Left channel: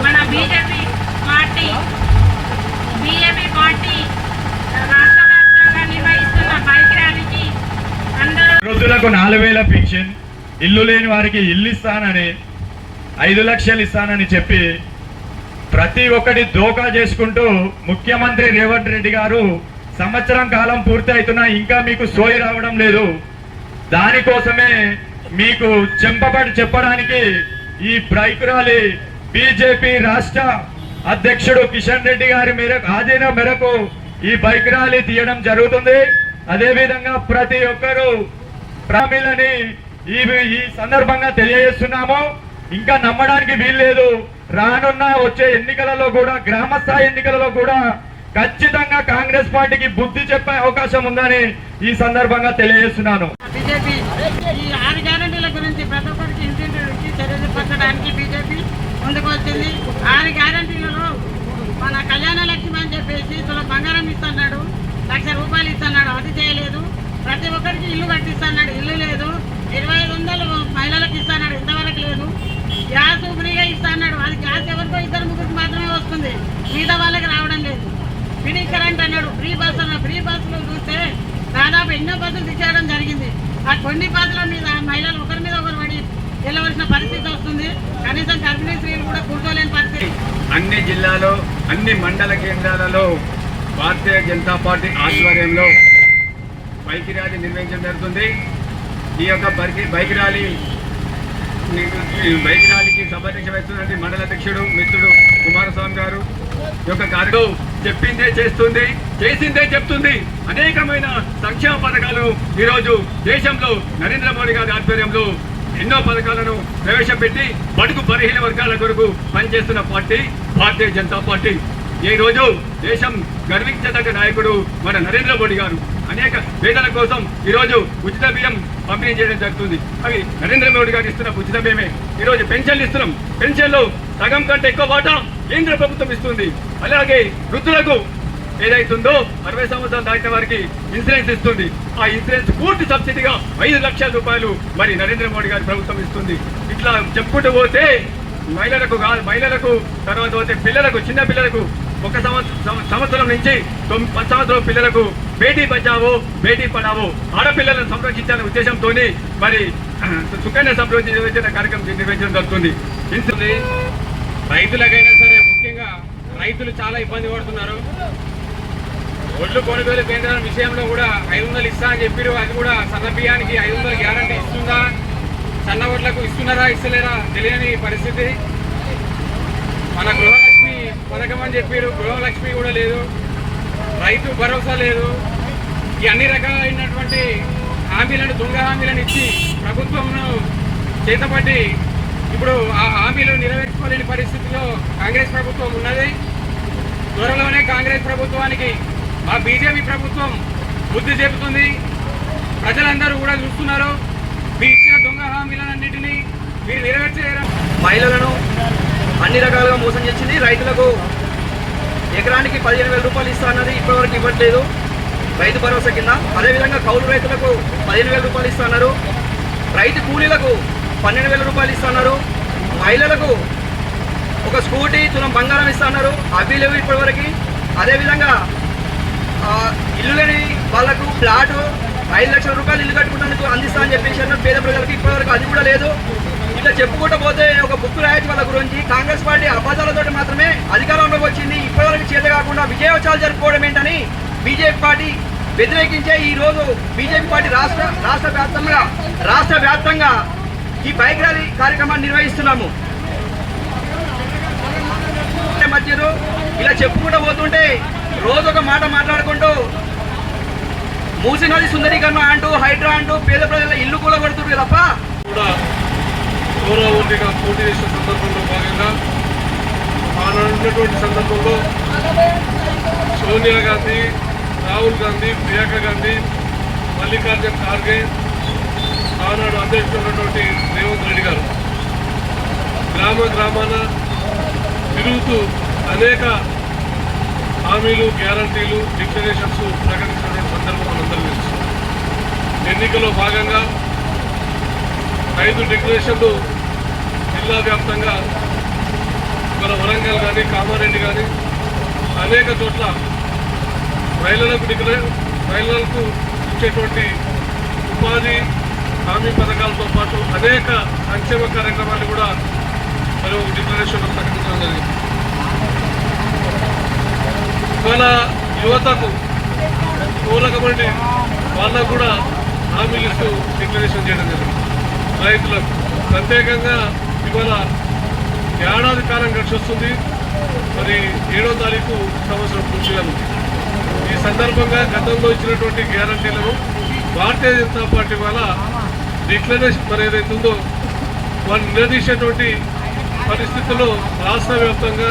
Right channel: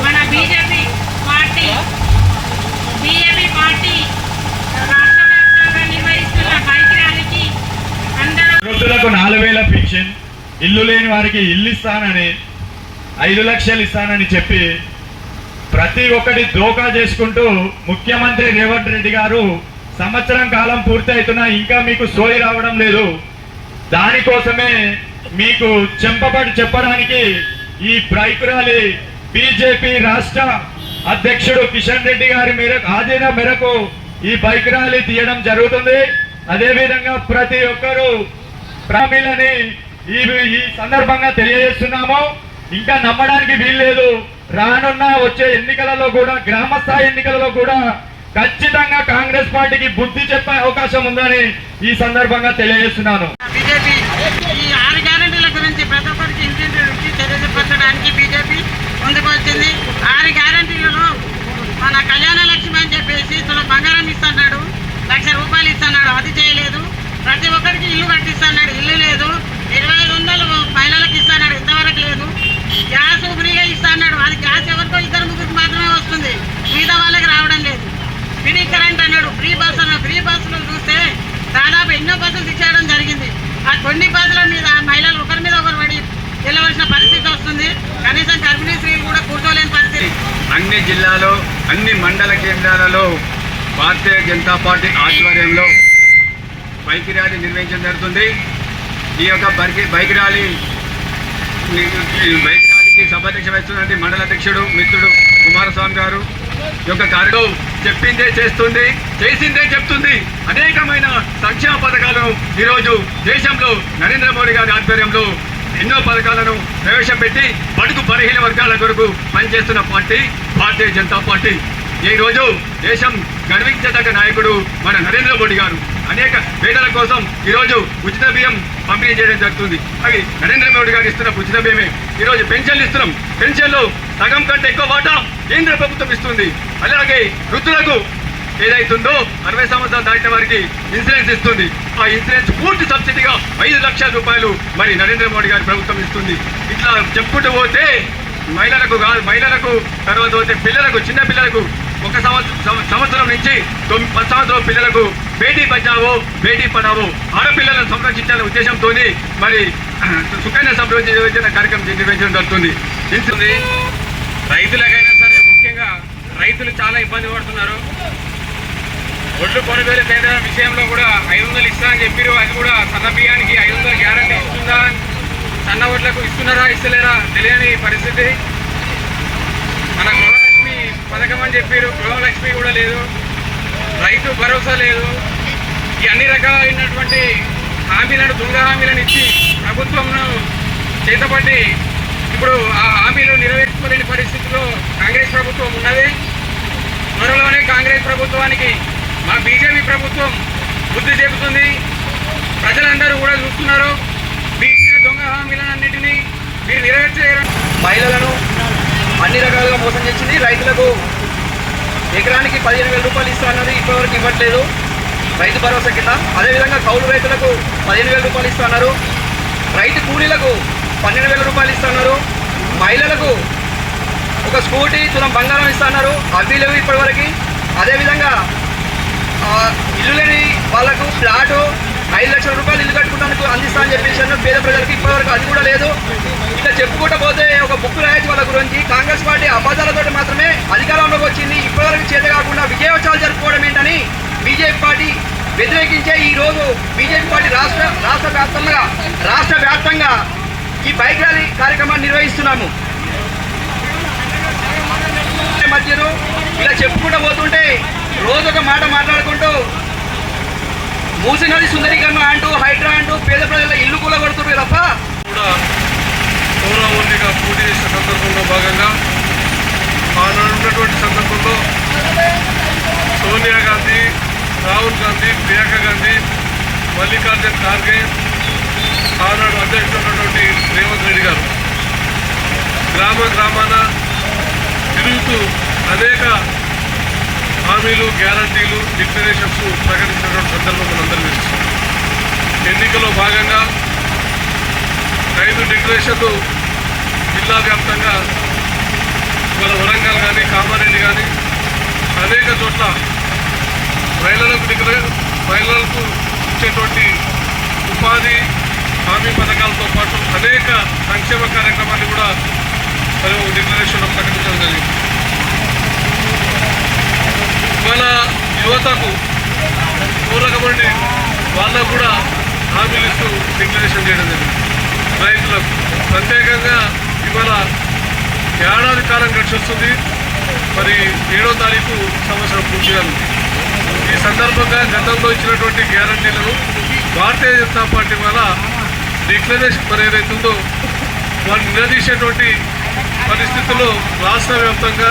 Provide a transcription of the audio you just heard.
మన BJP party BJP party వృద్ధులకు నాలుగు వేల పెన్షన్ ఇల్లు లేని వారికి ఇల్లు ఇస్తానని ఐదు లక్షలు ఇస్తానని చెప్పి ప్రతి ఒక్కటి దోకా చేసుకుంటూ ముఖ్యమంత్రి రేవంత్ రెడ్డి గారు సంవత్సరం కాలం పూర్తి అవుతున్నా ఇంకా మీకు సోయి రావడం లేదు. దానికోసమే మీకు చెంపబడి చెప్పడానికి ఈ బ్రైక్ ర్యాలీ బీజేపీ రాష్ట్ర అధ్యక్షుడు కిషన్ రెడ్డి గారి మేరకు ఆధీన మేరకు ఈ బైక్ ర్యాలీ తీయడం జరుగుతుంది. అదేవిధంగా ప్రతి ఒక్కరూ ప్రామిలని ఈ ఈ సందర్భంగా తెలియజేస్తున్నాము. ఇంకా నమ్మడానికి వీల్లేదు. రానున్న వచ్చే ఎన్నికలలో కూడా గ్రామ స్థాయి ఎన్నికలలో కూడా ఖచ్చితంగా కాంగ్రెస్ పార్టీకి బుద్ధి చెప్పే అవకాశం ఉందని ఈ సందర్భంగా తెలియజేస్తున్నాను. బీజేపీ ఈ ఆరు గ్యారెంటీల గురించి ప్రతి ఒక్కరికి ఇంటింటికి తెలియజెప్పడానికి బీజేపీ ముందుకు వచ్చింది ఆరు గ్యారెంటీలలో మన కళ్యాణ లక్ష్మి అని చెప్పేసి తుల బంగారం ఇస్తున్నాడు. లక్ష రూపాయలు ఇస్తున్నాడు. అది చేయలేదు. ప్రతి ఒక్కరికి ఇల్లు కట్టిస్తున్నాడు. ఇల్లు లేదు. ఇరవై ఐదు వందలు మహిళలకు ఇస్తున్నాడు. ఇంతవరకు లేదు. గ్యాస్ ఫ్రీగా ఇస్తున్నాడు. అది గ్యాస్ ఎవరికో ఇద్దరు ముగ్గురికి మాత్రమే వస్తుంది. మిగతా వాళ్ళకి రావడం లేదు. ఫ్రీ కరెంట్ అన్నాడు. ఫ్రీ బస్సు అన్నాడు. ఫ్రీ బస్సులు చూస్తే దాదాపు ఎన్నో బస్సులు తీసేయడం జరిగింది. ఆ కొన్ని బస్సుల మీద మహిళలు ఒకరి మీద ఒకరు పడి వెళ్ళవలసిన పరిస్థితి వస్తుంది. కనీసం గర్భిణీ స్త్రీలు కూడా కూర్చోలేని పరిస్థితి. అన్ని జిల్లాలో అన్ని మండల కేంద్రాలలో భారతీయ జనతా పార్టీ ఆధ్వర్యంలో బైక్ ర్యాలీ నిర్వహించడం జరుగుతుంది. ఈ యొక్క బైక్ బైక్ ర్యాలీ ఈ బైక్ ర్యాలీకి సభాధ్యక్ష వహిస్తున్నటువంటి మండల అధ్యక్షుడు మిత్రుడు కుమారస్వామి గారు ఈ యొక్క కార్యక్రమం చెప్పిందే చేస్తుంది చేసిందే చెప్తుంది. అనేకమైన సంక్షేమ పథకాలను ఈరోజు దేశంలో నరేంద్ర మోడీ గారి ఆధ్వర్యంలో ఎన్నో పథకాలను ప్రవేశపెట్టి బడుగు బలహీన వర్గాల కొరకు పనిచేస్తున్న పార్టీ భారతీయ జనతా పార్టీ. ఈ రోజు దేశం గర్వించదగ్గ నాయకుడు మన నరేంద్ర మోడీ గారు. అనేక పేదల కోసం ఈరోజు ఉచిత బియ్యం పంపిణీ చేయడం జరుగుతుంది. అది నరేంద్ర మోడీ గారు ఇస్తున్న ఉచిత బియ్యమే. ఈరోజు పెన్షన్లు ఇస్తున్నాం. పెన్షన్లు సగం కంటే ఎక్కువ వాటా కేంద్ర ప్రభుత్వం ఇస్తుంది. అలాగే వృద్ధులకు ఏదైతుందో అరవై సంవత్సరాలు దాటిన వారికి ఇన్సూరెన్స్ ఇస్తుంది. ఆ ఇన్సూరెన్స్ పూర్తి సబ్సిడీగా ఐదు లక్షల రూపాయలు మరి నరేంద్ర మోడీ గారి ప్రభుత్వం ఇస్తుంది. ఇట్లా చెప్పుకుంటూ పోతే మహిళలకు కాదు మహిళలకు తర్వాత పోతే పిల్లలకు చిన్న పిల్లలకు ఒక సంవత్సరం సంవత్సరం నుంచి పది సంవత్సరం పిల్లలకు బేటీ బచావో బేటీ పడావో ఆడపిల్లలను సంరక్షించాలనే ఉద్దేశంతో మరి సుకన్య సమృద్ధి కార్యక్రమం నిర్వహించడం జరుగుతుంది. రైతులకైనా సరే ముఖ్యంగా రైతులు చాలా ఇబ్బంది పడుతున్నారు. ఒడ్లు కొనుగోలు చేయడం విషయంలో కూడా ఐదు వందలు ఇస్తా అని చెప్పారు. అది కూడా సన్న బియ్యానికి ఐదు వందలు గ్యారంటీ ఇస్తుందా? సన్న ఓట్లకు ఇస్తున్నారా ఇస్తలేరా? తెలియని పరిస్థితి. మన గృహ పథకం అని చెప్పారు గృహలక్ష్మి కూడా లేదు రైతు భరోసా లేదు. ఈ అన్ని రకాలైనటువంటి హామీలను దొంగ హామీలను ఇచ్చి ప్రభుత్వంను చేతపట్టి ఇప్పుడు ఆ హామీలు నెరవేర్చుకోలేని పరిస్థితిలో కాంగ్రెస్ ప్రభుత్వం ఉన్నది. త్వరలోనే కాంగ్రెస్ ప్రభుత్వానికి మా బీజేపీ ప్రభుత్వం బుద్ధి చెబుతుంది. ప్రజలందరూ కూడా చూస్తున్నారు. మీ ఇచ్చిన దొంగ హామీలన్నింటినీ మీరు నెరవేర్చలేరు మహిళలను అన్ని రకాలుగా మోసం చేసింది. రైతులకు ఎకరానికి పదిహేను వేల రూపాయలు ఇస్తానన్నది ఇప్పటివరకు ఇవ్వట్లేదు. రైతు భరోసా కింద. అదేవిధంగా కౌలు రైతులకు పదిహేను వేల రూపాయలు ఇస్తున్నారు రైతు కూలీలకు పన్నెండు వేల రూపాయలు ఇస్తున్నారు మహిళలకు ఒక స్కూటీ తులం బంగారం ఇస్తున్నారు అవి లేవు ఇప్పటివరకు. అదేవిధంగా ఇల్లు లేని వాళ్ళకు ఫ్లాటు ఐదు లక్షల రూపాయలు ఇల్లు కట్టుకుంటానికి అందిస్తా అని చెప్పేసి పేద ప్రజలకు ఇప్పటివరకు అది కూడా లేదు. ఇక చెప్పుకుంటూ పోతే ఒక బుక్ రాయొచ్చు వాళ్ళ గురించి కాంగ్రెస్ పార్టీ అబద్ధాలతో మాత్రమే అధికారంలోకి వచ్చింది. ఇప్పటివరకు చేత కాకుండా విజయోత్సవాలు జరుపుకోవడం ఏంటని బీజేపీ పార్టీ వ్యతిరేకించే ఈ రోజు బీజేపీ పార్టీ రాష్ట్ర రాష్ట్ర వ్యాప్తంగా రాష్ట్ర వ్యాప్తంగా ఈ బైక్ ర్యాలీ కార్యక్రమాన్ని నిర్వహిస్తున్నాము. మధ్యలో ఇలా చెప్పుకుంటూ పోతుంటే రోజు ఒక మాట మాట్లాడుకుంటూ మూసి నది సుందరీకరణ అంటూ హైడ్రా అంటూ పేద ప్రజల ఇల్లు కూడా కొడుతుంది తప్ప. కూడా పౌరవర్తిగా పోటీ చేసిన సందర్భంలో భాగంగా ఆనాడు ఉన్నటువంటి సందర్భంలో సోనియా గాంధీ రాహుల్ గాంధీ ప్రియాంక గాంధీ మల్లికార్జున్ ఖార్గే ఆనాడు అధ్యక్షుడున్నటువంటి రేవంత్ రెడ్డి గారు. గ్రామ గ్రామాన తిరుగుతూ అనేక హామీలు గ్యారంటీలు డిక్లరేషన్స్ ప్రకటించినటువంటి సందర్భం మనందరూ తెలుసు. ఎన్నికలో భాగంగా ఐదు డిక్లరేషన్లు జిల్లా వ్యాప్తంగా మన వరంగల్ కానీ కామారెడ్డి కానీ అనేక చోట్ల మహిళలకు డిక్లరే మహిళలకు ఇచ్చేటువంటి ఉపాధి హామీ పథకాలతో పాటు అనేక సంక్షేమ కార్యక్రమాన్ని కూడా మరి డిక్లరేషన్లో ప్రకటించడం జరిగింది. ఇవాళ యువతకు పూరకమండి వాళ్ళకు కూడా హామీలు ఇస్తూ డిక్లరేషన్ చేయడం జరిగింది. రైతులకు ప్రత్యేకంగా ఇవాళ ఏడాది కాలం గడిచి వస్తుంది. మరి ఏడో తారీఖు సంవత్సరం పూర్తిగా ఉంది ఈ సందర్భంగా గతంలో ఇచ్చినటువంటి గ్యారంటీలను భారతీయ జనతా పార్టీ వల్ల డిక్లరేషన్ మరి ఏదైతుందో వాళ్ళు నిలదీసేటువంటి పరిస్థితుల్లో రాష్ట్ర వ్యాప్తంగా